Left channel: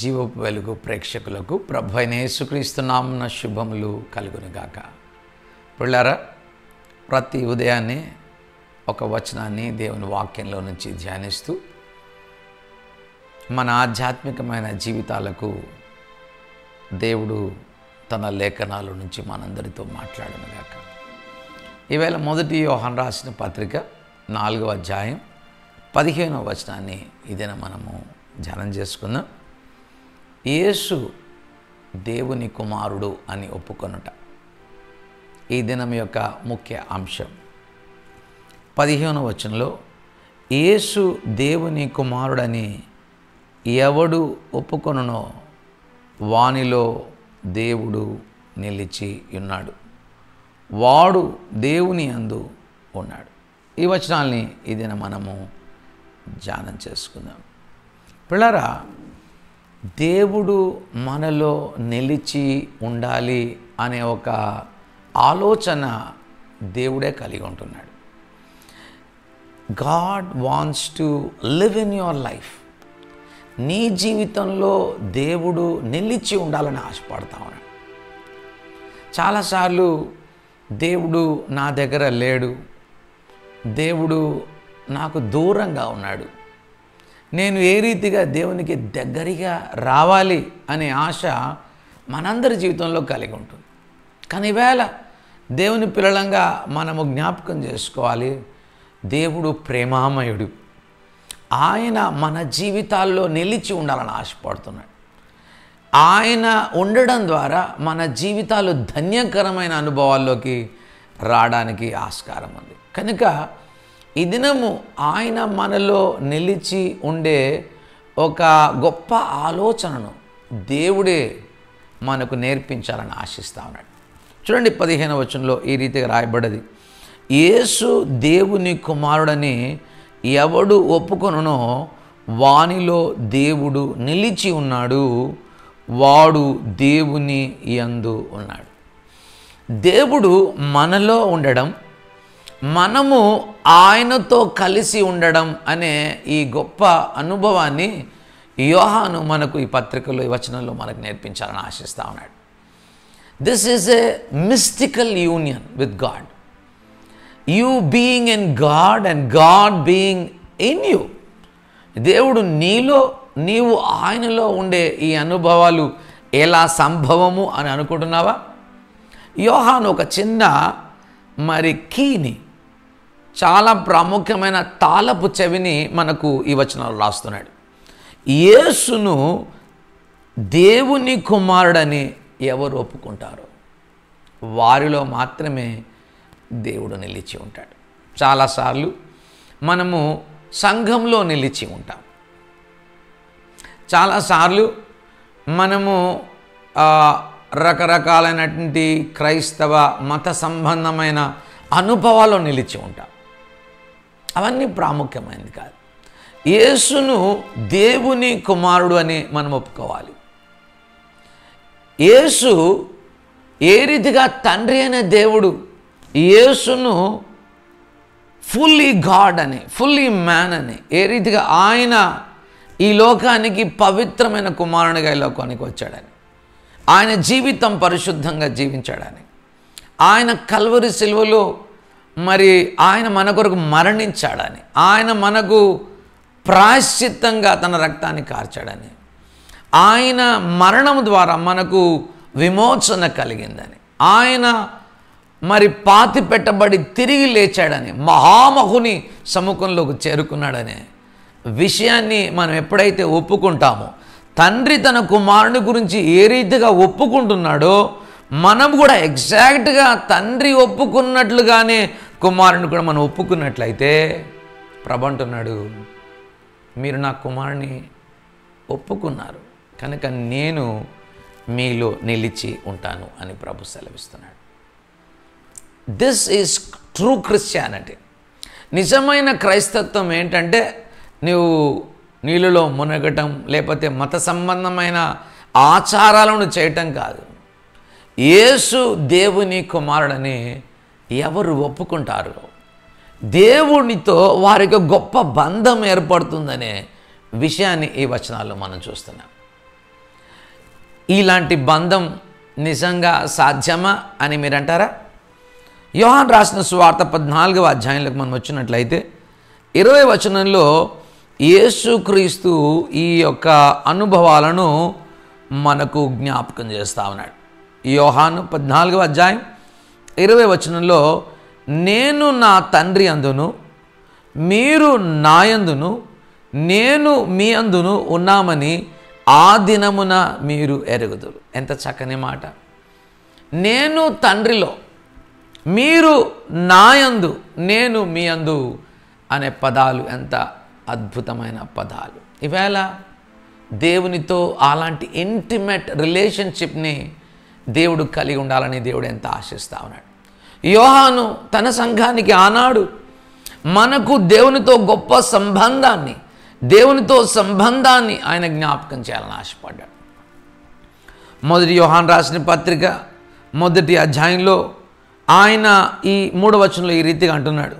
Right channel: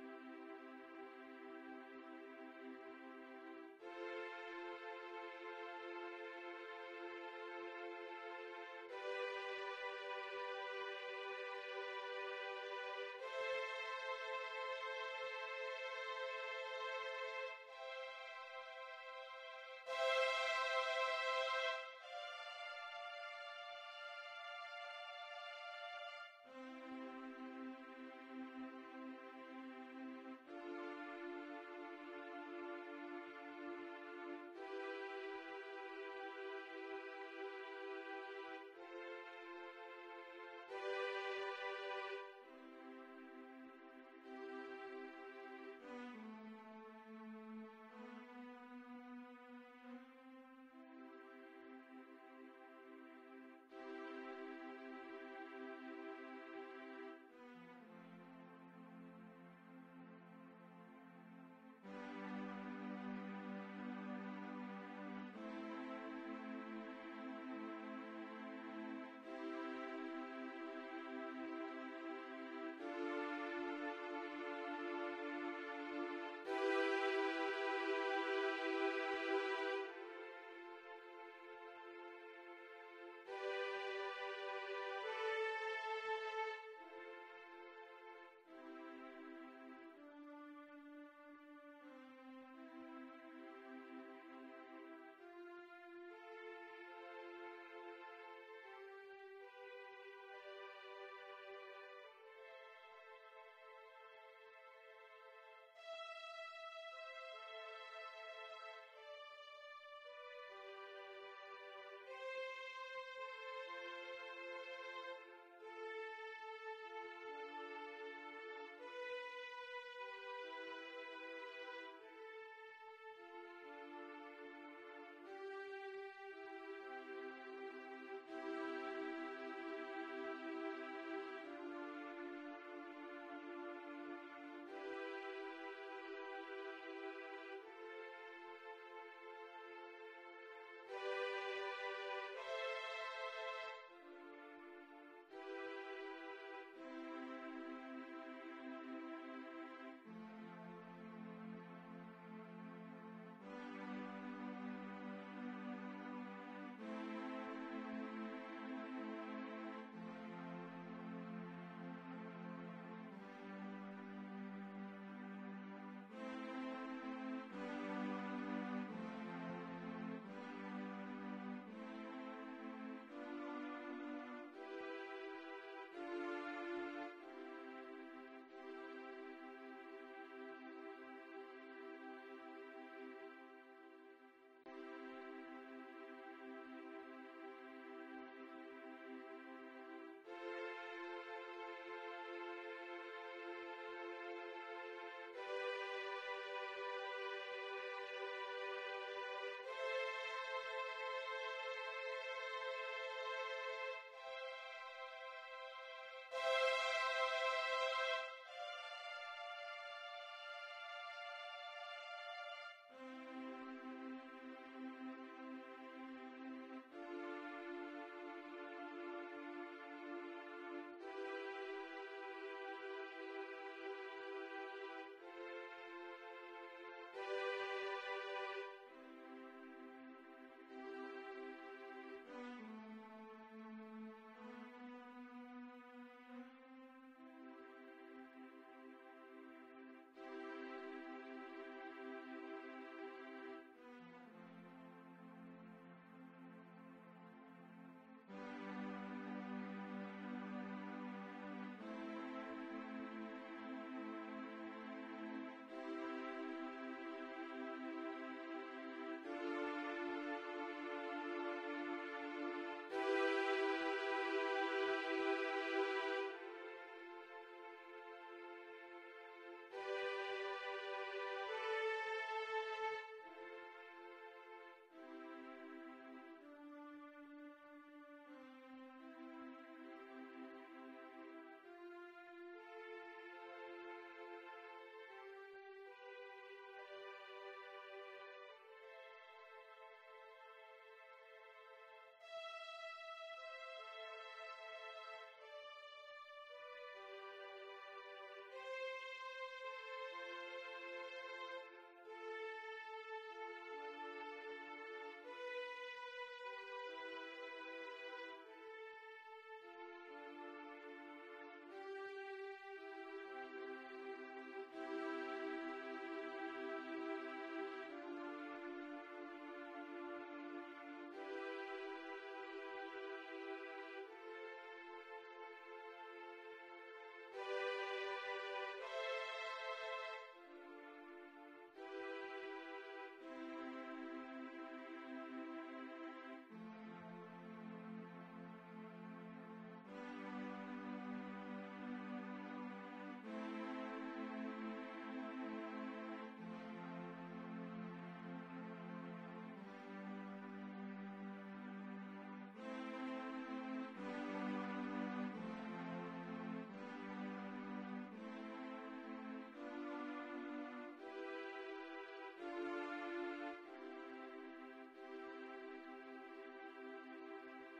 జీవపు వెలుగు ప్రేక్షకులకు ప్రభు అయిన యేసుక్రీస్తు నామమున శుభములు కలుగునుగాక. పిల్లారా, ప్రతి ఉదయాన్నే ఒక వచనాన్ని దేవుని వాక్యంలో నుంచి ధ్యానిస్తూ మన ఆధ్యాత్మికమైన జీవితాలకు దేవుడు తన లేఖనాల నుంచి మనందరితో మాట్లాడునుగాక. ఈవేళ మొదటి యోహాను రాసిన పత్రిక 4వ అధ్యాయం 15వ వచనాన్ని ఇదేనా మనము ధ్యానం చేసుకుందాం. యేసు దేవుని కుమారుడు అని ఒప్పుకొనుట ఈ దినం యొక్క ముఖ్య అంశం. 15వ వచనంలో యేసు దేవుని కుమారుడని ఎవడు ఒప్పుకొనునో వానిలో దేవుడు నిలిచి ఉన్నాడు, వాడు దేవుని యందు ఉన్నాడు. ఈ వచనాల్ని ఇదిన మనము ధ్యానం చేసుకుందాం. పిల్లరా, దేవుడు మనలో నిలిచి ఉండాలి అనే ఒక ఆలోచన దేవుడే కలిగి ఉంటున్నాడు. God wants to live in your life. నీ జీవితంలో దేవుడు నిలిచి ఉండాలని ఆశపడతా ఉన్నాడు. చాలాసార్లు దేవుడు నా దగ్గర లేడు, దేవుడు నాకు దూరంగా ఉన్నాడు, నేను ఏ రీతిగా దేవునికి దగ్గరగా రావాలి అనే ఆశ మనందరి జీవితంలో కలిగి ఉంటుంది. కానీ ఈవేళ దేవుని పిల్లలంగా మనము జ్ఞాపకం చేసుకోవాలి, దేవుడు ప్రేమామయుడు. ఆయన మన జీవితాల్లో నిలిచి ఉండాలని ఆశపడుతున్నాడు. ఆయన ఉండడం ద్వారా మన జీవితాలు ధన్యకరమైన అనుభవాల్లోకి రావడానికి ఆస్కారం ఉంది. కనుక ఈ దినము ఆయన మనలో నిలిచి ఉండే ఒక గొప్ప ఆలోచనను దేవుడే మనకు నేర్పించాలని ఆశిస్తూ ఉన్నాడు. చూడండి, 15వ వచనంలో ఈ రీతిగా రాయబడ్డది, యేసు దేవుని కుమారుడని ఎవడు ఒప్పుకొనునో వానిలో దేవుడు నిలిచి ఉన్నాడు, వాడు దేవుని యందు ఉన్నాడు. దేవుడు మనలో ఉండడం, మనము ఆయనతో కలిసి ఉండడం అనే ఈ గొప్ప అనుభవాన్ని యోహాను మనకు ఈ పత్రికలో, ఈ వచనంలో మనకు నేర్పించాలని ఆశిస్తూ ఉన్నాడు. This is a mystical union with God. You being in God and God being in you. దేవుడు నీలో, నీవు ఆయనలో ఉండే ఈ అనుభవాలు ఎలా సంభవము అని అనుకుంటున్నావా? యోహాను ఒక చిన్న కీని, చాలా ప్రాముఖ్యమైన తాళపు చెవిని మనకు ఈ వచనాలు రాస్తున్నాడు. యేసును దేవుని కుమారుడని ఎవరు ఒప్పుకుంటారో వారిలో మాత్రమే దేవుడు నిలిచి ఉంటాడు. చాలాసార్లు మనము సంఘంలో నిలిచి ఉంటాం, చాలాసార్లు మనము రకరకాలైనటువంటి క్రైస్తవ మత సంబంధమైన అనుభవాల్లో నిలిచి ఉంటాం. అవన్నీ ప్రాముఖ్యమైనది కాదు. యేసును దేవుని కుమారుడు అని మనం ఒప్పుకోవాలి. యేసు ఏ రీతిగా తండ్రి అయిన దేవుడు యేసును ఫుల్లీ గాడ్ అని, ఫుల్లీ మ్యాన్ అని, ఏ రీతిగా ఆయన ఈ లోకానికి పవిత్రమైన కుమారునిగా ఈ లోకానికి వచ్చాడని, ఆయన జీవితం పరిశుద్ధంగా జీవించాడని, ఆయన కల్వరి సిలువలో ఆయన మన కొరకు మరణించాడని, ఆయన మనకు ప్రాయశ్చిత్తంగా తన రక్తాన్ని కార్చాడని, ఆయన మరణం ద్వారా మనకు విమోచన కలిగిందని, ఆయన పాతి పెట్టబడి తిరిగి లేచాడని, మహామహుని సముఖంలోకి చేరుకున్నాడనే విషయాన్ని మనం ఎప్పుడైతే ఒప్పుకుంటామో, తండ్రి తన కుమారుని గురించి ఏ రీతిగా ఒప్పుకుంటున్నాడో మనం కూడా ఎగ్జాక్ట్గా తండ్రి ఒప్పుకున్నట్లుగానే కుమారుని కూడా మనం ఒప్పుకున్నట్లయితే, ప్రభు అంటున్నాడు, మీరు నా కుమారుని ఒప్పుకున్నారు కనుక నేను మీలో నిలిచి ఉంటాను అని ప్రభు సెలవిస్తున్నాడు. This is true Christianity. నిజమైన క్రైస్తత్వం ఏంటంటే నీళ్ళలో మునగటం, లేకపోతే మత సంబంధమైన ఆచారాలను చేయటం కాదు. యేసు దేవుని కుమారుడని ఎవరు ఒప్పుకుంటారో దేవునితో వారికి గొప్ప బంధం ఏర్పడుతుందనే విషయాన్ని ఈ వచనాల్లో మనం చూస్తున్నాం. ఇలాంటి బంధం నిజంగా సాధ్యమా అని మీరు అంటారా? యోహాను రాసిన సువార్త 14వ అధ్యాయంలోకి మనం వచ్చినట్లయితే 20వ వచనంలో యేసుక్రీస్తు ఈ యొక్క అనుభవాలను మనకు జ్ఞాపకం చేస్తూ ఉన్నాడు. యోహాను 14వ అధ్యాయం 20వ వచనంలో, నేను నా తండ్రి అందును, మీరు నా యందును, నేను మీ అందును ఉన్నామని ఆ దినమున మీరు ఎరుగుదురు. ఎంత చక్కని మాట! నేను తండ్రిలో, మీరు నాయందు, నేను మీ అందు అనే పదాలు ఎంత అద్భుతమైన పదాలు. ఈవేళ దేవునితో అలాంటి ఇంటిమేట్ రిలేషన్షిప్ని దేవుడు కలిగి ఉండాలని దేవుడు ఎంత ఆశిస్తూ ఉన్నాడు. యోహాను తన సంఘానికి ఆనాడు మనకు దేవునితో గొప్ప సంబంధాన్ని, దేవునితో సంబంధాన్ని ఆయన జ్ఞాపకం చేయాలని ఆశపడ్డాడు. మొదటి యోహాను రాసిన పత్రిక 1వ అధ్యాయంలో ఆయన ఈ 3వ వచనంలో ఈ రీతిగా అంటున్నాడు,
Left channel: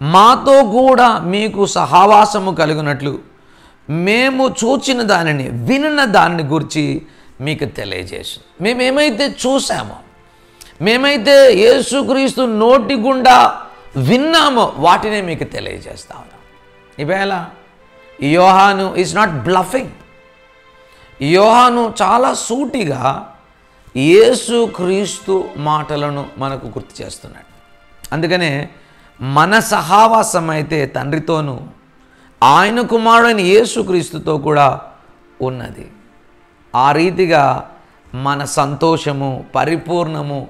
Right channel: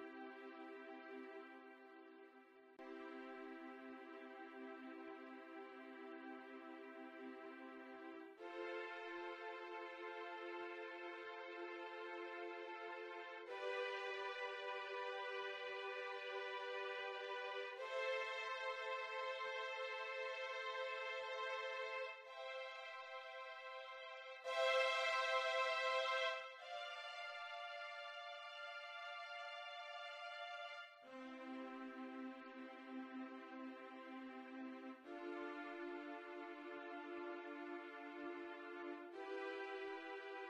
మాతో కూడా మీకు సహవాసము కలుగునట్లు మేము చూచిన దానిని, వినిన దానిని గురించి మీకు తెలియజేసు. మేమేమైతే చూసామో, మేమైతే యేసుక్రీస్తు నోటి గుండా విన్నామో వాటినే మీకు తెలియజేస్తా ఉన్నాం. ఈవేళ యోహాను ఈజ్ నాట్ బ్లఫింగ్. యోహాను చాలా సూటిగా యేసుక్రీస్తు మాటలను మనకు గుర్తు చేస్తున్నాడు. అందుకనే మన సహవాసం అయితే తండ్రితోనూ ఆయన కుమారుడైన యేసుక్రీస్తుతో కూడా ఉన్నది. ఆ రీతిగా మన సంతోషము పరిపూర్ణము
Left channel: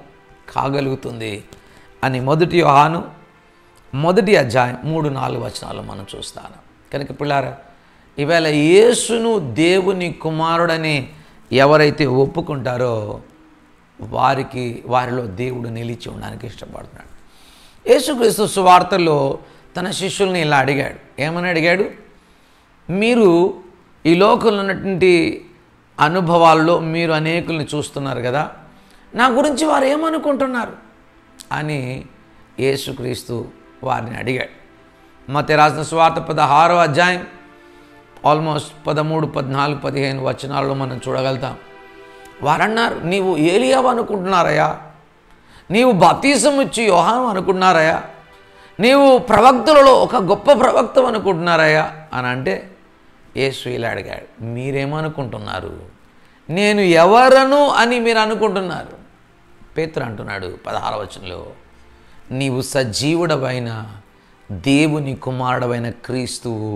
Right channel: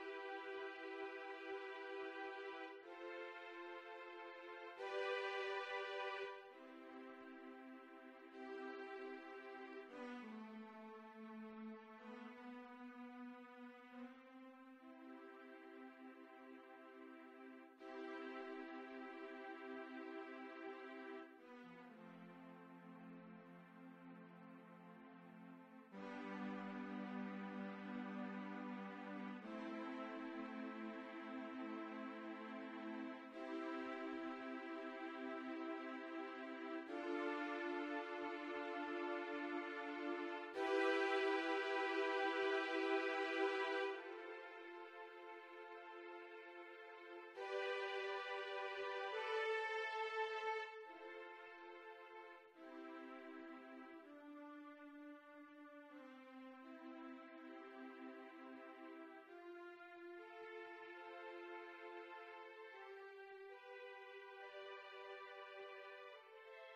కాగలుగుతుంది అని 1 యోహాను 1వ అధ్యాయం 3-4 వచనాలు మనం చూస్తాను. కనుక పిల్లారా, ఈవేళ యేసును దేవుని కుమారుడని ఎవరైతే ఒప్పుకుంటారో వారిలో దేవుడు నిలిచి ఉండడానికి ఇష్టపడుతున్నాడు. యేసుక్రీస్తు సువార్తలో తన శిష్యుల్ని ఇలా అడిగాడు. ఏమని అడిగాడు? మీరు ఈ లోకంలో ఉన్నటువంటి అనుభవాల్లో మీరు అనేకుల్ని చూస్తున్నారు కదా, నా గురించి వారు ఏమనుకుంటున్నారు అని యేసుక్రీస్తు వారిని అడిగాడు. మత్తయి రాసిన సువార్త 16వ అధ్యాయం ఆల్మోస్ట్ 13, 14, 15 వచనాల్లో మనం చూడగలుగుతాం. వారన్నారు, నీవు ఏలియావు అనుకుంటున్నారయ్యా, నీవు బాప్తిసం ఇచ్చి యోహాను అనుకుంటున్నారయ్యా, నీవు ప్రవక్తలలో ఒక గొప్ప ప్రవక్త అనుకుంటున్నారయ్యా అని అంటే యేసు ఇలా అడిగాడు, మీరేమనుకుంటున్నారు? నేను ఎవరను అని మీరు అనుకుంటున్నారు? పేతురు అంటున్నాడు 16వ వచనంలో, నీవు సజీవుడవైన దేవుని కుమారుడవైన క్రీస్తువు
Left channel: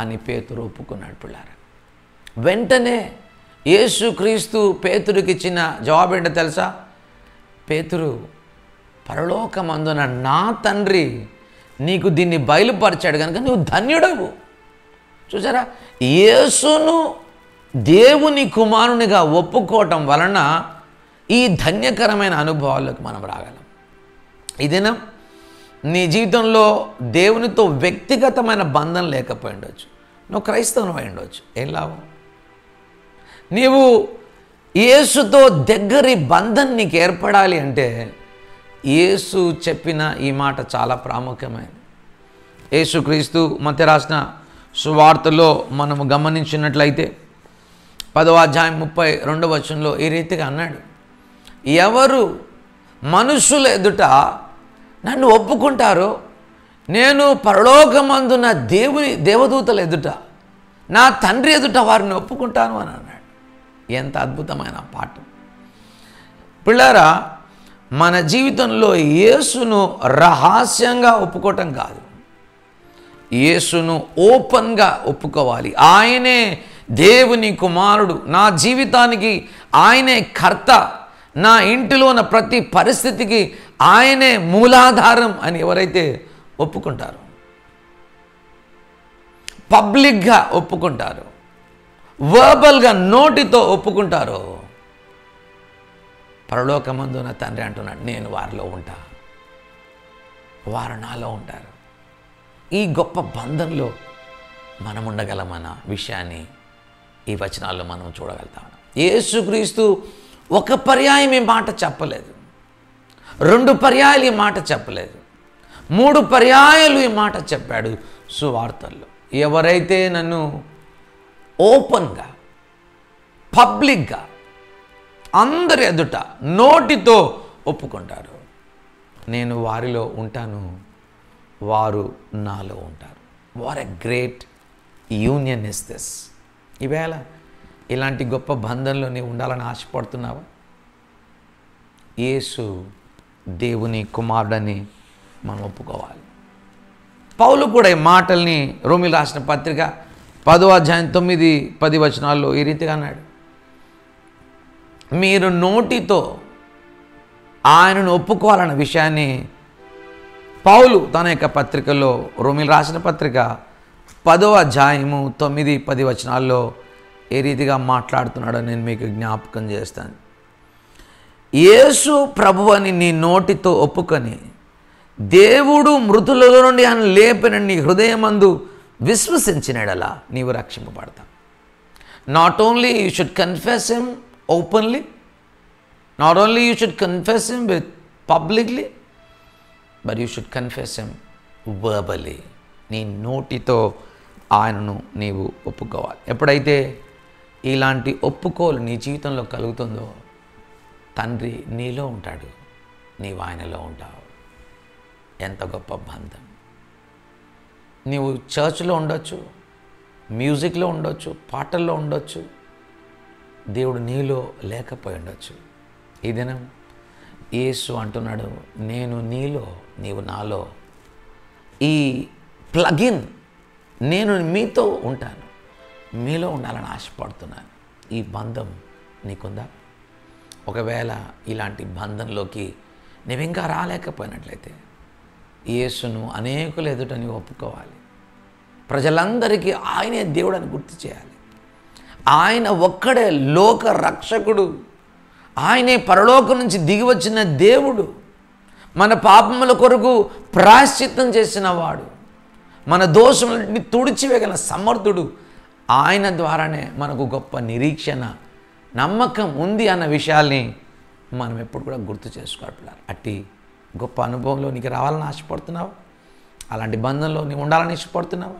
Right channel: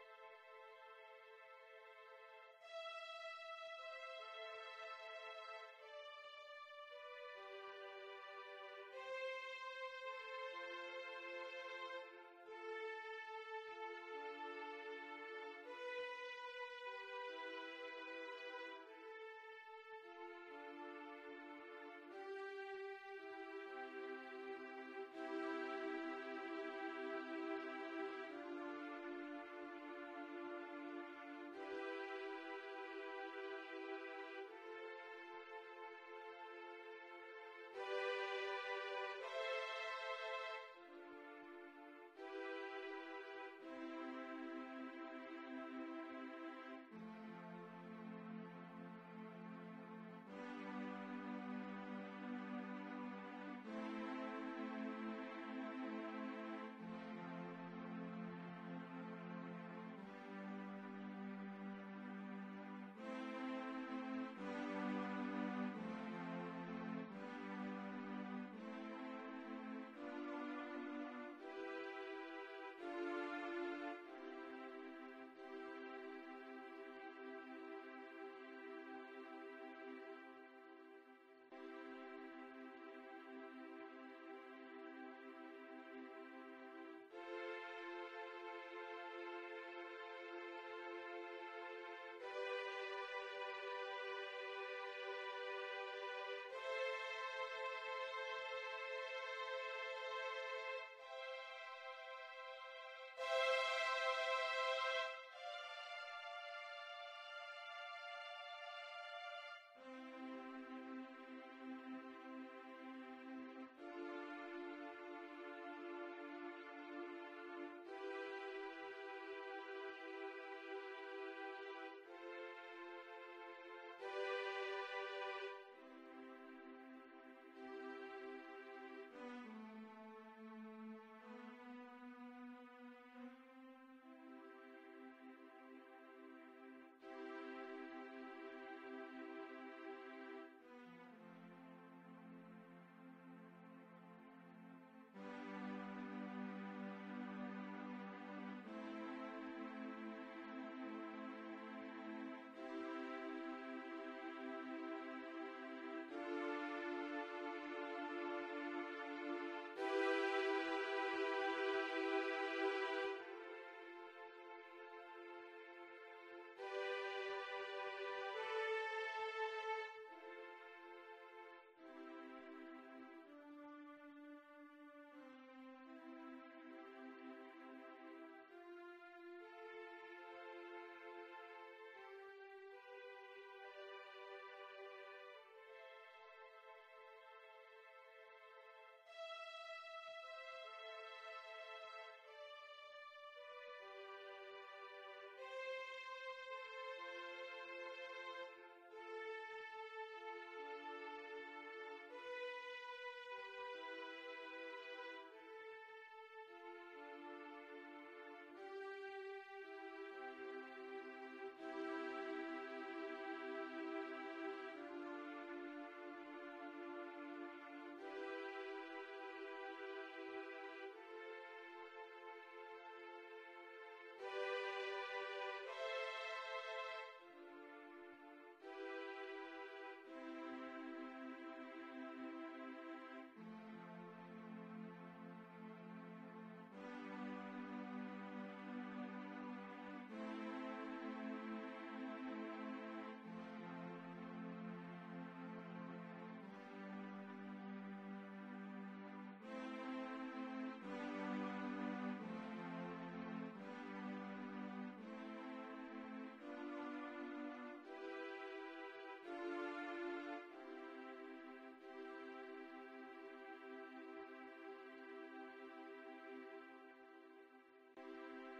అని పేతురు ఒప్పుకున్నాడు. పిల్లారా, వెంటనే యేసుక్రీస్తు పేతురికి ఇచ్చిన జవాబు ఏంటో తెలుసా? పేతురు, పరలోకమందున నా తండ్రి నీకు దీన్ని బయలుపరిచాడు కనుక నువ్వు ధన్యుడవు. చూసారా, యేసును దేవుని కుమారునిగా ఒప్పుకోవటం వలన ఈ ధన్యకరమైన అనుభవాల్లోకి మనం రాగలం. ఈ దినం నీ జీవితంలో దేవునితో వ్యక్తిగతమైన బంధం లేకపోయి ఉండొచ్చు, నువ్వు క్రైస్తవుని అయి ఉండొచ్చు. ఏం లాభం? నీవు యేసుతో దగ్గరి బంధం నీకు ఏర్పడాలి అంటే యేసు చెప్పిన ఈ మాట చాలా ప్రాముఖ్యమైనది. యేసుక్రీస్తు మత్తయి రాసిన సువార్తలో మనము గమనించినట్లయితే 10వ అధ్యాయం 32వ వచనంలో ఈ రీతిగా అన్నాడు, ఎవరు మనుషుల ఎదుట నన్ను ఒప్పుకుంటారో నేను పరలోకమందున దేవదూతల ఎదుట నా తండ్రి ఎదుట వారిని ఒప్పుకుంటాను అని అన్నాడు. ఎంత అద్భుతమైన పాఠం! పిల్లారా, మన జీవితంలో యేసును రహస్యంగా ఒప్పుకోవటం కాదు, యేసును ఓపెన్గా ఒప్పుకోవాలి. ఆయనే దేవుని కుమారుడు, నా జీవితానికి ఆయనే కర్త, నా ఇంటిలో ఉన్న ప్రతి పరిస్థితికి ఆయనే మూలాధారం అని ఎవరైతే ఒప్పుకుంటారో, పబ్లిక్గా ఒప్పుకుంటారో, వర్బల్గా నోటితో ఒప్పుకుంటారో, పరలోకమందున తండ్రి అంటున్నాడు, నేను వారిలో ఉంటా, వారు నాలో ఉంటారు. ఈ గొప్ప బంధంలో మనం ఉండగలమన్న విషయాన్ని ఈ వచనాల్లో మనం చూడగలుగుతాం. యేసుక్రీస్తు ఒక పర్యాయం ఈ మాట చెప్పలేదు, 2 పర్యాయాలు ఈ మాట చెప్పలేదు, 3 పర్యాయాలు ఈ మాట చెప్పాడు సువార్తల్లో. ఎవరైతే నన్ను ఓపెన్గా పబ్లిక్గా అందరి ఎదుట నోటితో ఒప్పుకుంటారు. నేను వారిలో ఉంటాను, వారు నాలో ఉంటారు. What a great union is this. ఈవేళ ఇలాంటి గొప్ప బంధంలో నీవు ఉండాలని ఆశపడుతున్నావా? యేసు దేవుని కుమారుడని మనం ఒప్పుకోవాలి. పౌలు కూడా ఈ మాటల్ని రోమీయులకు రాసిన పత్రిక 10వ అధ్యాయం 9-10 వచనాల్లో ఈ రీతిగా అన్నాడు, మీరు నోటితో ఆయనను ఒప్పుకోవాలన్న విషయాన్ని పౌలు తన యొక్క పత్రికలో, రోమీయులకు రాసిన పత్రిక 10వ అధ్యాయము 9-10 వచనాల్లో ఏ రీతిగా మాట్లాడుతున్నాడో నేను మీకు జ్ఞాపకం చేస్తాను. యేసు ప్రభువని నీ నోటితో ఒప్పుకొని దేవుడు మృతులలో నుండి ఆయన లేపిన నీ హృదయమందు విశ్వసించినడలా నీవు రక్షింపబడతావు. Not only you should confess him openly, not only you should confess him with publicly, but you should confess him verbally. నీ నోటితో ఆయనను నీవు ఒప్పుకోవాలి. ఎప్పుడైతే ఇలాంటి ఒప్పుకోలు నీ జీవితంలో కలుగుతుందో తండ్రి నీలో ఉంటాడు, నీవు ఆయనలో ఉంటావు. ఎంత గొప్ప బంధం. నీవు చర్చ్లో ఉండొచ్చు, మ్యూజిక్లో ఉండొచ్చు, పాటల్లో ఉండొచ్చు, దేవుడు నీలో లేకపోయి ఉండొచ్చు. ఈ దినం యేసు అంటున్నాడు, నేను నీలో నీవు నాలో. ఈ ప్లగిన్ నేను మీతో ఉంటాను, మీలో ఉండాలని ఆశపడుతున్నాను. ఈ బంధం నీకుందా? ఒకవేళ ఇలాంటి బంధంలోకి నువ్వు ఇంకా రాలేకపోయినట్లయితే యేసును అనేకులు ఎదుట నీవు ఒప్పుకోవాలి. ప్రజలందరికీ ఆయనే దేవుడు అని గుర్తు చేయాలి. ఆయన ఒక్కడే లోక రక్షకుడు, ఆయనే పరలోకం నుంచి దిగి వచ్చిన దేవుడు, మన పాపముల కొరకు ప్రాయశ్చిత్తం చేసిన వాడు, మన దోషములని తుడిచివేయగల సమర్థుడు. ఆయన ద్వారానే మనకు గొప్ప నిరీక్షణ, నమ్మకం ఉంది అన్న విషయాల్ని మనం ఎప్పుడు కూడా గుర్తు చేసుకోవాలి. అట్టి గొప్ప అనుభవంలో నీకు రావాలని ఆశపడుతున్నావు, అలాంటి బంధంలో నీవు ఉండాలని ఇష్టపడుతున్నావు.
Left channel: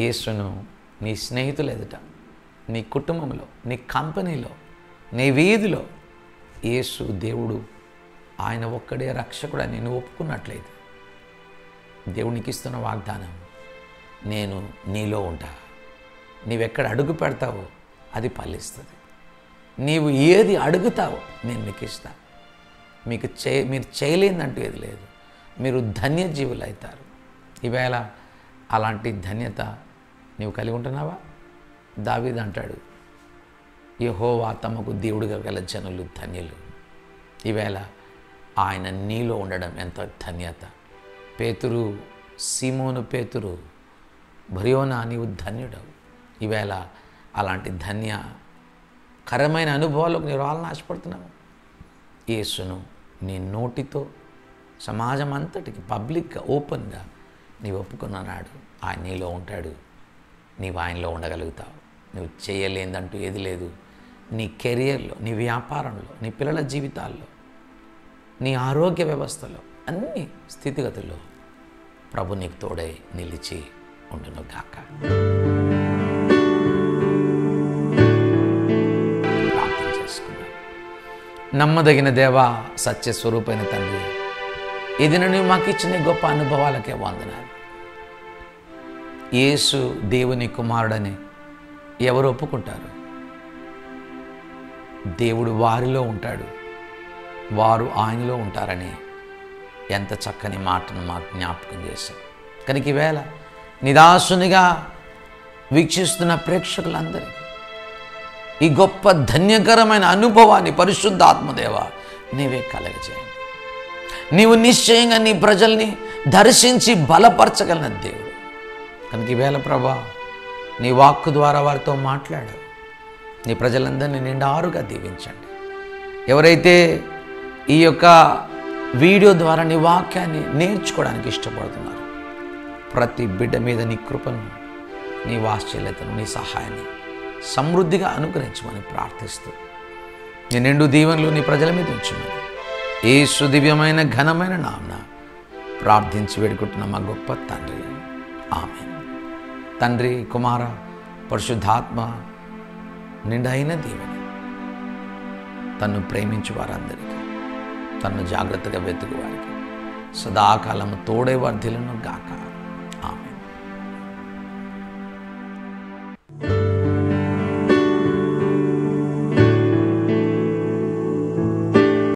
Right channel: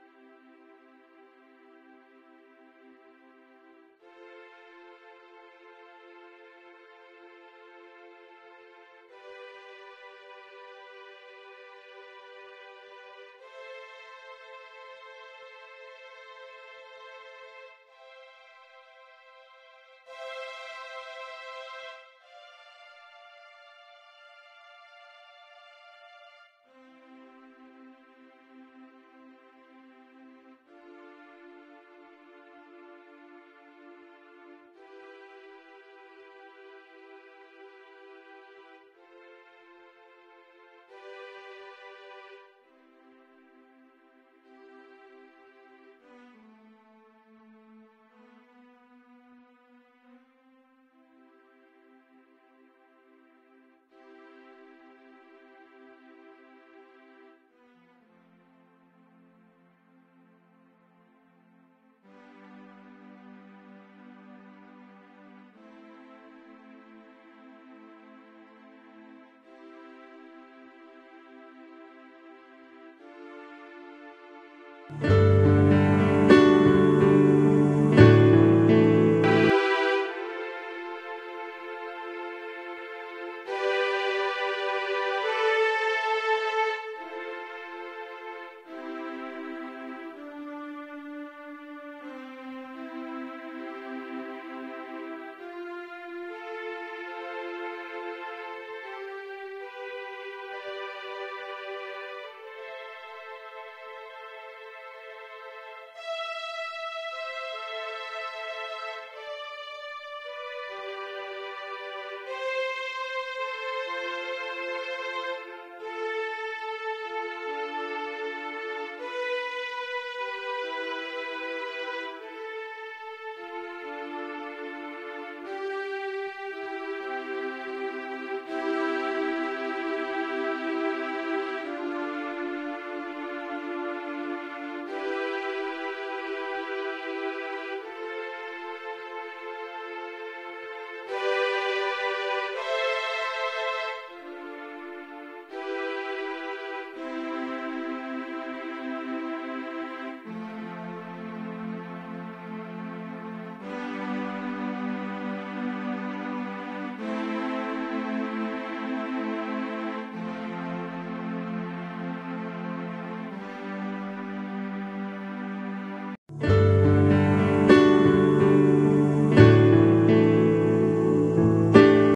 యేసును నీ స్నేహితులు ఎదుట, నీ కుటుంబంలో, నీ కంపెనీలో, నీ వీధిలో యేసు దేవుడు, ఆయన ఒక్కడే రక్షకుడు అని నువ్వు ఒప్పుకున్నట్లయితే దేవునికి ఇస్తున్న వాగ్దానం, నేను నీలో ఉంటా. నీవెక్కడ అడుగు పెడతావో అది ఫలిస్తుంది. నీవు ఏది అడుగుతావో నేను నీకు ఇస్తాను. మీరు చేయలేదంటూ ఏది లేదు. మీరు ధన్యజీవులు అవుతారు. ఈవేళ అలాంటి ధన్యత నీవు కలిగి ఉంటున్నావా? దావీదు అంటాడు, యెహోవా తమకు దేవుడిగా గల జనులు ధన్యులు. ఈవేళ ఆయన నీలో ఉండడం ఎంత ధన్యత. పేతురు, సీమోను పేతురు, బర్యోనా నీవు ధన్యుడవు. ఈవేళ అలాంటి ధన్యకరమైన అనుభవాలకు నీవు రావాలని ఆశపడుతున్నావు. యేసును నీ నోటితో సమాజం అంతటికి పబ్లిక్గా, ఓపెన్గా నీవు ఒప్పుకున్నాడు. ఆయన నీలో ఉంటాడు, నీవు ఆయనలో ఉండగలుగుతావు. నువ్వు చేయలేదంటూ ఏది లేదు. నీ కెరియర్లో, నీ వ్యాపారంలో, నీ పిల్లల జీవితాల్లో, నీ ఆరోగ్య వ్యవస్థలో, అన్ని స్థితిగతుల్లో ప్రభు నీకు తోడై నిలిచి ఉండును గాక. నమ్మదగిన దేవా, సత్యస్వరూపైన తండ్రి, ఇది నువ్వు మాకు ఇచ్చిన గొప్ప అనుభవాలకే వందనాలు. యేసు దేవుని కుమారుడని ఎవరు ఒప్పుకుంటారు? దేవుడు వారిలో ఉంటాడు, వారు ఆయనలో ఉంటారని ఎంత చక్కని మాటను మాకు జ్ఞాపకం చేశాం. కనుక ఈవేళ నిదాసునిగా వీక్షిస్తున్న ప్రేక్షకులందరూ ఈ గొప్ప ధన్యకరమైన అనుభవాన్ని పరిశుద్ధాత్మదేవ నీవే కలగజేయండి. నీవు నిశ్చయంగా నీ ప్రజల్ని దర్శించి బలపరచగలిగిన దేవుడు. కనుక ఈవేళ ప్రభా, నీ వాక్కు ద్వారా వారితో మాట్లాడారు. నీ ప్రజలందరినీ నిండారుగా దీవించండి. ఎవరైతే ఈ యొక్క వీడియో ద్వారా నీ వాక్యాన్ని నేర్చుకోవడానికి ఇష్టపడుతున్నారు, ప్రతి బిడ్డ మీద నీ కృపను, నీ వాత్సల్యతను, నీ సహాయాన్ని సమృద్ధిగా అనుగ్రహించమని ప్రార్థిస్తూ నీ నిండు దీవెనలు నీ ప్రజల మీద ఉంచున్నాను. యేసు దివ్యమైన ఘనమైన నామమున ప్రార్థించి వేడుకుంటున్న మా గొప్ప తండ్రి, ఆమేన్. తండ్రి, కుమార, పరిశుద్ధాత్మ నిండైన దీవెన తను ప్రేమించు వారందరికీ, తను జాగ్రత్తగా వెతుకు వారికి సదాకాలం తోడే వర్ధిలను గాక.